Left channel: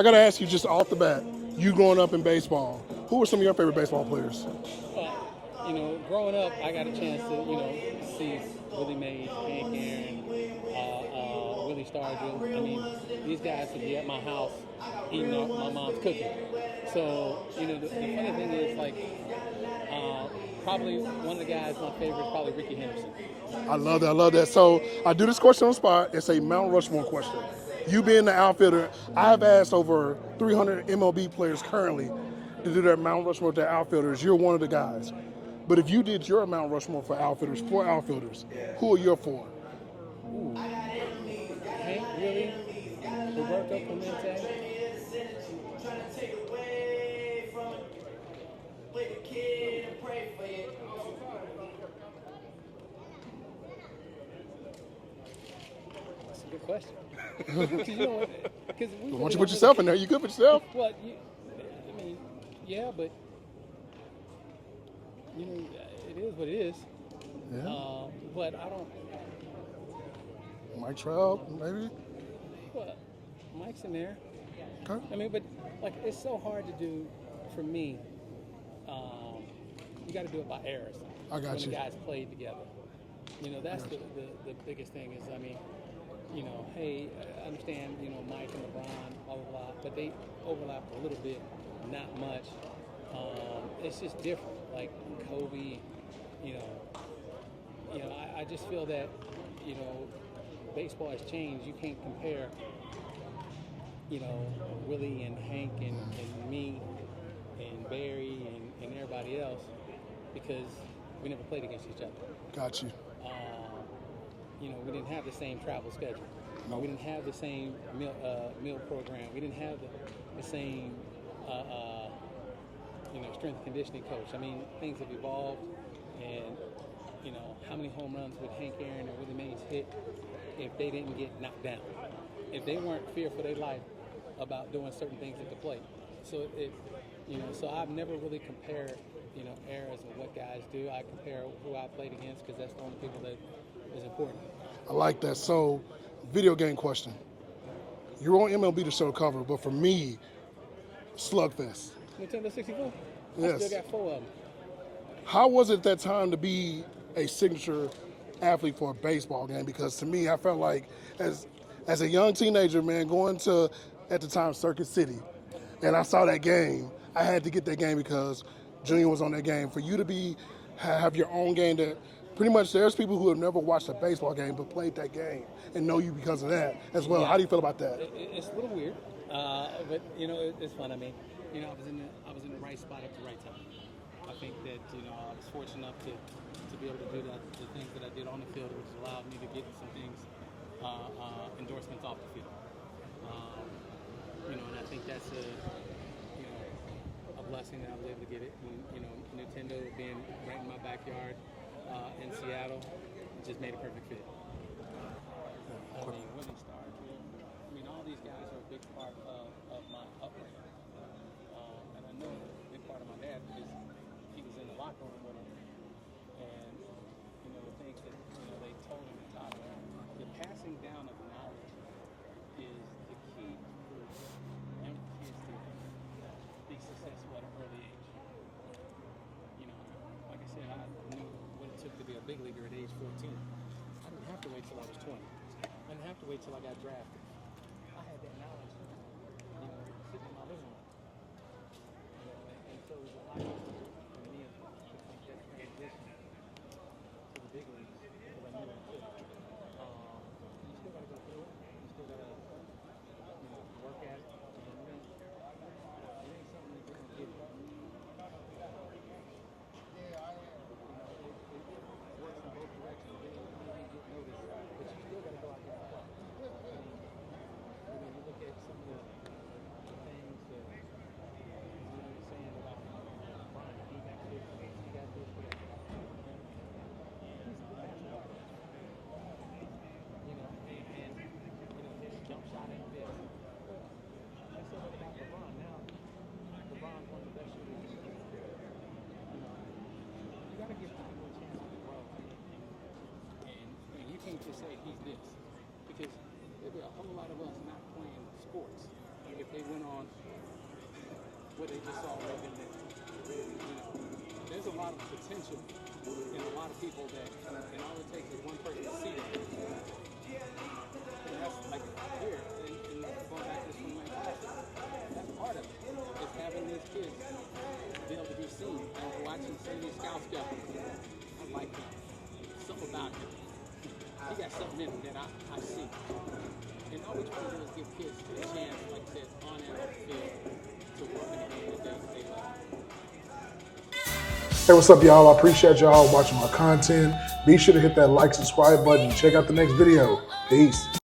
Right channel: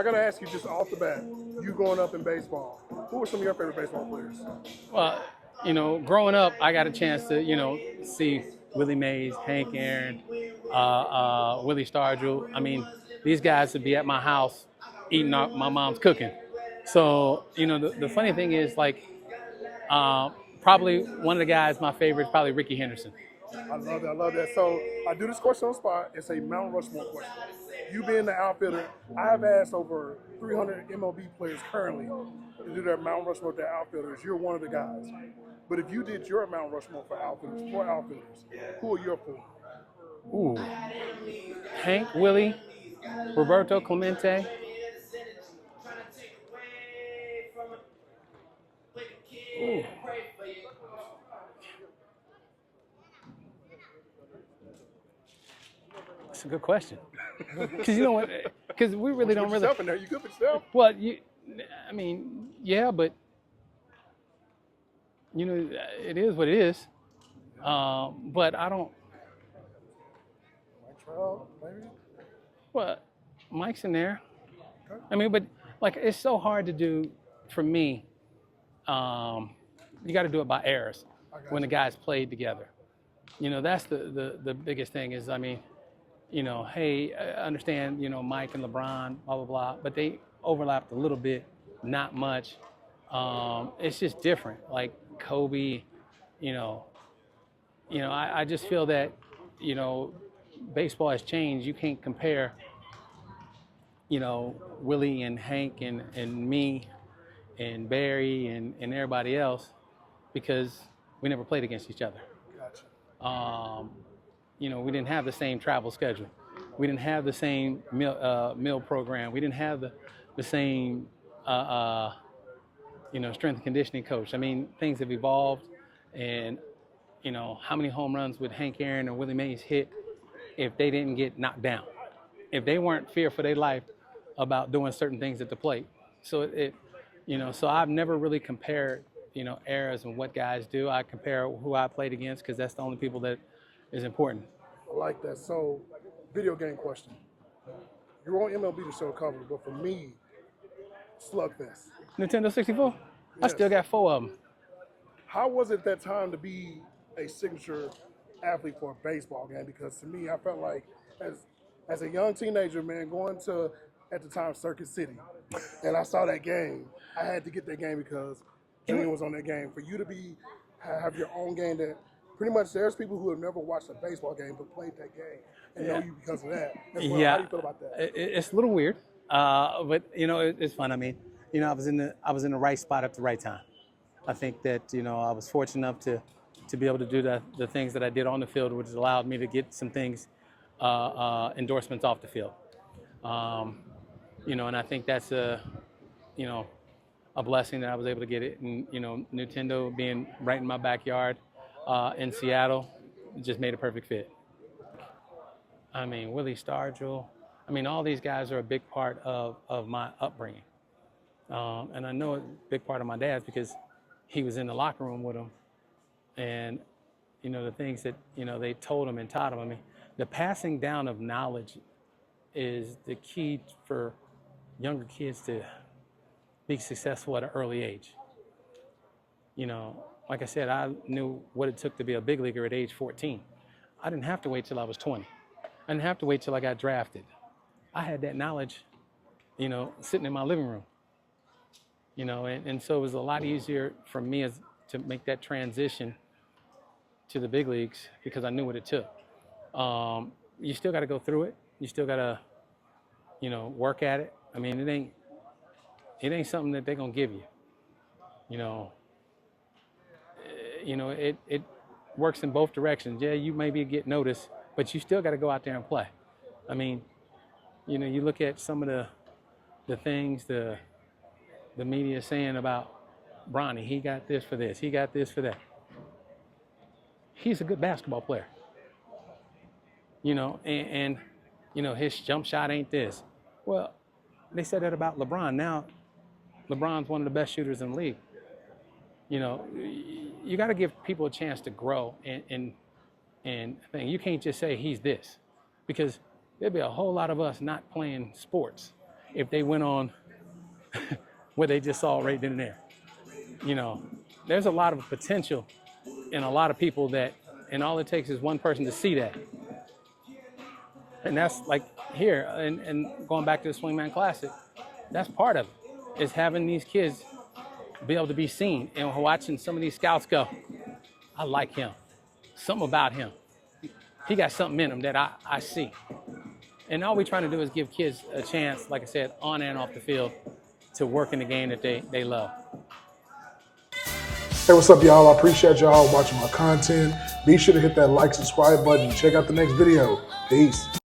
I got to ask you just off the bat, you growing up in baseball, who were some of your favorite baseball players? Well, growing up, I got a chance to, see Willie Mays, Hank Aaron, Willie Stargell. I mean, these guys would be at my house eating my mom's cooking. So, the funny thing is, like, probably one of the guys, my favorite is probably Ricky Henderson. I love that. I love that. So I do this question on the spot. It's a Mount Rushmore question. You being the outfielder, I've asked over 300 MLB players currently to do their Mount Rushmore to outfielders. You're one of the guys. But if you did your Mount Rushmore for outfielders, who are your four? Ooh, Hank, Willie, Roberto Clemente. Ooh. That's a good question. Because you know what? Because we really don't put yourself in there. You good for yourself? Well, yeah, but it is what it is. Yeah. But I don't. Mike Trout, maybe. Well, Mike's in there. Okay. I mean, but like it's so hard to do for me. You got to do it by errors when the guys played together. That's the biggest thing is, I mean, hey, I understand, Mike and LeBron, blah, blah, blah, but they overlapped a little bit, not much. It's just different. Like Kobe, I just feel that, baseball has changed. You can't compare, Willie and Hank and me and Barry and everybody else because we never played against each other. Got you. We didn't have the same travel schedule. We didn't have the same meal program. We didn't have the same, strength and conditioning coach. I mean, things have evolved, and how many home runs would Hank Aaron or Willie Mays hit if they didn't get knocked down? If they weren't feared for their life about doing certain things at the plate. So so I've never really compared, eras and what guys do. I compare who I played against because that's the only people that is important. I like that. So, video game question. You're on MLB The Show cover, but for me, Slugfest. Nintendo 64? Yes. I still got 4 of them. How was it that time to be a signature athlete for a baseball game? Because to me, I felt like as a young teenager, man, going to, at the time, Circuit City, and I saw that game, I had to get that game because Junior was on that game. For you to have your own game that pretty much there's people who have never watched a baseball game but played that game and know you because of that as well. Yeah. How do you feel about that? It's a little weird, but it's fun. I mean, I was in the right spot at the right time. I think that I was fortunate enough to be able to do the things that I did on the field, which allowed me to get some things, endorsements off the field. And I think that's a blessing that I was able to get it. And, Nintendo being right in my backyard in Seattle, just made a perfect fit. I mean, Willie Stargell, all these guys are a big part of my upbringing. And I know a big part of my dad's because he was in the locker room with them. And, the things that, they told him and taught him. The passing down of knowledge is the key for younger kids to be successful at an early age. Like I said, I knew what it took to be a big leaguer at age 14. I didn't have to wait till I was 20. I didn't have to wait till I got drafted. I had that knowledge, sitting in my living room. And so it was a lot easier for me to make that transition to the big leagues because I knew what it took. You still got to go through it. You still got to, work at it. It ain't something that they're gonna give you. It works in both directions. Yeah, you maybe get noticed, but you still got to go out there and play. You look at some of the things the media is saying about Bronny. He got this for this. He got this for that. He's a good basketball player. And his jump shot ain't this. Well, they said that about LeBron. Now, LeBron's one of the best shooters in the league. You got to give people a chance to grow and you can't just say he's this, because there'd be a whole lot of us not playing sports if they went on what they just saw right then and there. You know, there's a lot of potential in a lot of people that, and all it takes is one person to see that. And that's like here, and going back to the Swingman Classic, that's part of it, is having these kids be able to be seen and watching some of these scouts go, I like him, something about him. He got something in him that I see. And all we're trying to do is give kids a chance, like I said, on and off the field, to work in the game that they love. Hey, what's up, y'all? I appreciate y'all watching my content. Be sure to hit that like, subscribe button. Check out the next video. Peace.